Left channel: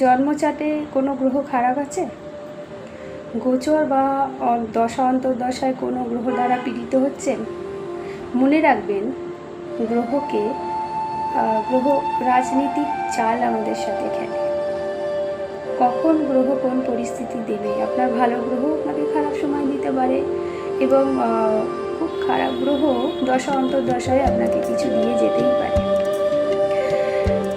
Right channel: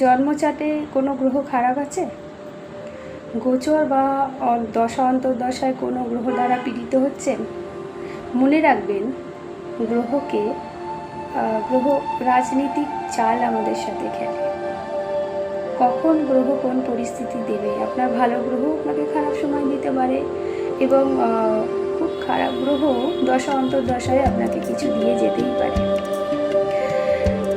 জন্মচাটে কোনো গ্রহ খারাপ আছে? গোচর বা দশা অন্তর্দশায় কোনো গ্রহ দ্বারা পীড়িত হচ্ছেন? মনে রাখবেন, গ্রহ রাজনীতিক চাল আমাদের সাথে খেলে। কখন গ্রহ কোন পরিস্থিতি দেবে, আপনার ভালো গ্রহ আপনাকে খারাপ সময় দিতে পারে এবং খুব খারাপ গ্রহ দশা অন্তর্দশায় আপনাকে কিছু দিয়ে যেতেই পারে।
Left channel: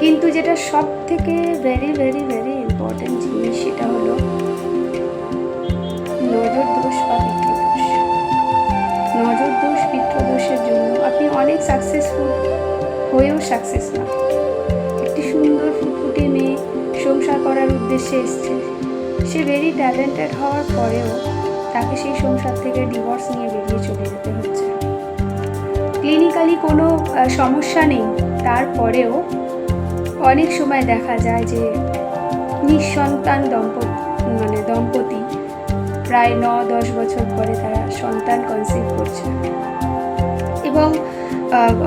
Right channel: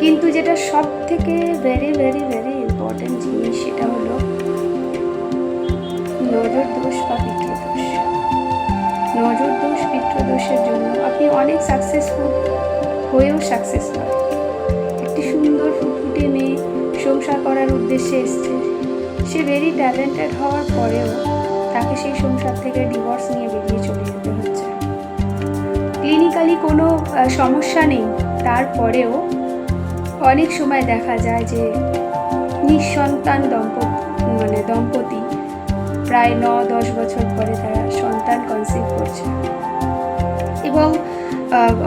কিন্তু যেটা সব থেকে ভেরি ভেরি ভেরি ইম্পর্টেন্ট জিনিস, সেটা হলো নজর দোষ বা পিতৃদোষ। নজর দোষ, পিতৃদোষের জন্য আপনি অনেক সাকসেসফুল হয়েও সাকসেস নয়। একটি সুন্দর ফুটফুটে মেয়ে সংসার করার উদ্দেশ্যে এসছে, সে ভেরি ট্যালেন্টেড হওয়ার পরেও তাকে সেই সংসার থেকে ডিভোর্স নিয়ে বেরিয়ে চলে যেতে হচ্ছে। ক্লিনিক্যালি কোনো সমস্যা নেই, তারপরেও অনেক সময় দেখা যায় যে নিঃসন্তান দম্পতি প্রায় 9-10 বছর পরে তারা সন্তান কনসিভ করছে। এবং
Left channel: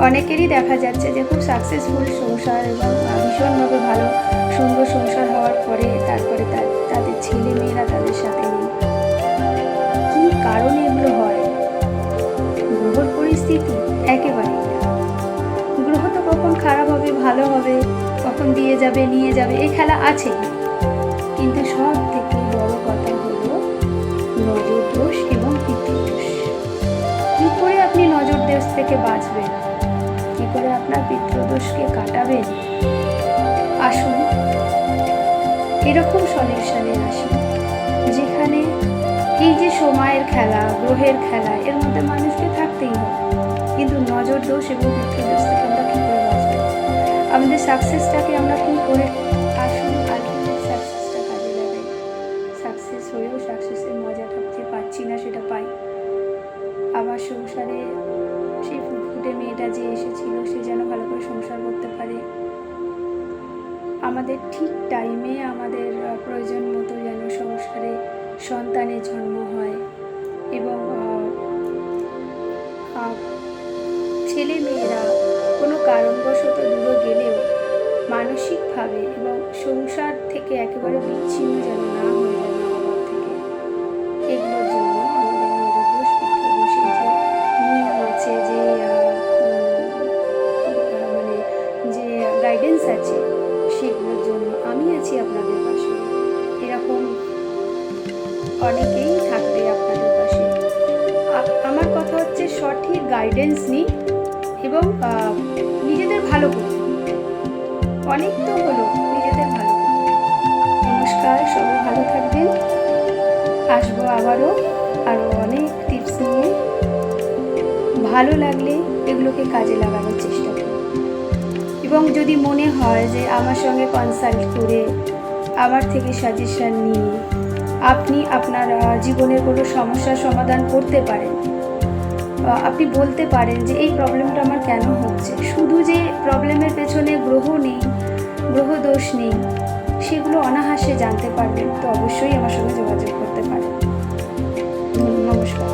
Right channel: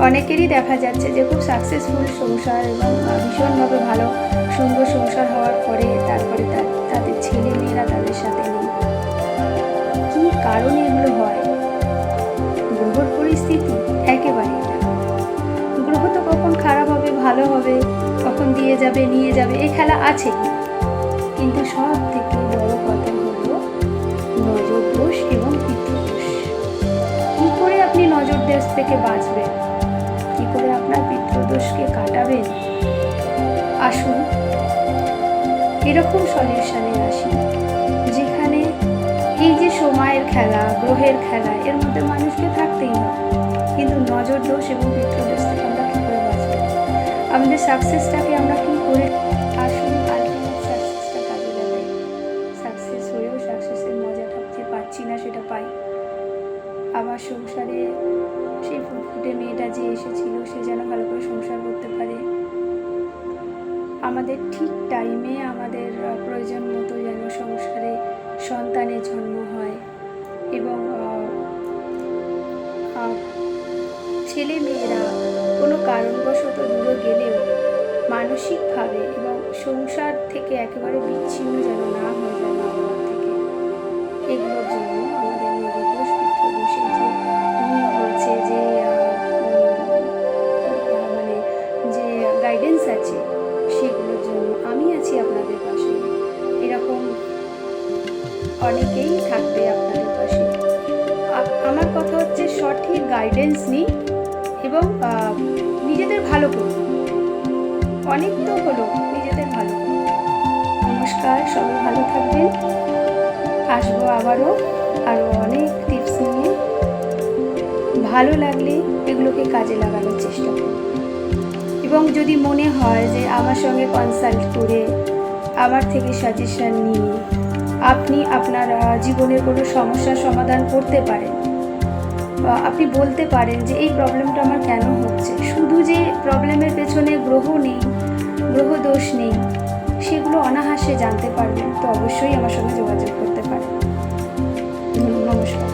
অনেকেরই দেখা যাচ্ছে যে খুব সাকসেসফুল সংসার এবং ভীষণভাবে ভালো সুন্দর সংসার হওয়ার পরে তারপরে তাদের ছেলে মেয়েরা তাদের সাথে নেই। কী কারণে এগুলো হয়? গ্রহর পরিস্থিতি? একেবারেই না। গ্রহ তো কখন খারাপ হবে, ভালো হবে, কখন দিয়ে যাবে, নিয়ে যাবে, এই খেলা আছেই। কিন্তু সব থেকে বড় কথা হলো নজর দোষ এবং পিতৃদোষ। কী করে আপনি নজর দোষ থেকে বাঁচবেন, কী করে আপনার পিতৃদোষকে কাটাবেন? আসুন এরকম সলিউশনে আসি, যেখানে এই যে সময়ের খেলা, গ্রহের খেলা, এর মধ্যে মানুষকে থাকতেই হবে। কিন্তু নজর দোষ এবং পিতৃদোষ থেকে আমরা কী করে বাঁচব, আমাদের সাকসেসটাকে আমরা কী করে, আসুন আলটিমেট সাকসেসটা কাজে লাগাই। সাকসেস হয়েও সাকসেসের মজাটা যে পাচ্ছি না সেটা পাই। আমার সংসারে সেই ফুটফুটে মেয়েটা যে এসেছিল, সে যেন ভালো করে সংসার করতে পারে। আমাদের ঠিক টাইমে আমাদের প্রয়োজন মতো যেন সংসারে সন্তানের জন্ম হয় এবং ছেলে মেয়েরা কোনো কারণবশত দূরে গেলেও মানসিকভাবে এবং সংসার থেকে একেবারে বিচ্ছিন্ন যেন না হয়ে যায় মা বাবার থেকে। এগুলোর জন্য আমাদের নজর দোষ, পিতৃদোষের যে নিয়ম আছে, যে যে গাইডেন্স আছে, সেগুলোর জন্য আমি আছি আপনাদের পাশে। এরকম অনেকেই থাকবে আপনাদের পাশে। আমার কথা হচ্ছে সঠিক গাইডেন্স নিন এবং নিজেদের ভালো করুন। অনেক তো হলো, নিজেদের ভালো করুন। নমস্কার, সবাই ভালো থাকবেন। আসবো আবারও আরও অনেক টিপস নিয়ে। ভালো লাগলে এগুলোকে কাজে লাগানোর চেষ্টা করুন এবং যদি মনে হয় যে আমার সঙ্গে কনসাল্ট করে আমার থেকে সাজেশন নিয়ে আপনি আপনার জীবনের কোনো সমস্যার সমাধান করতে পারেন, আপনি বলতে পারেন যে এই প্রবলেমটা আমার কেন হচ্ছে। শুধু যে প্রবলেমের পেছনে গ্রহ দোষ নেই, সেগুলো অনায়াসে জানতে পারবেন, তো অবশ্যই আমার সঙ্গে যোগাযোগ করতে পারেন। নমস্কার।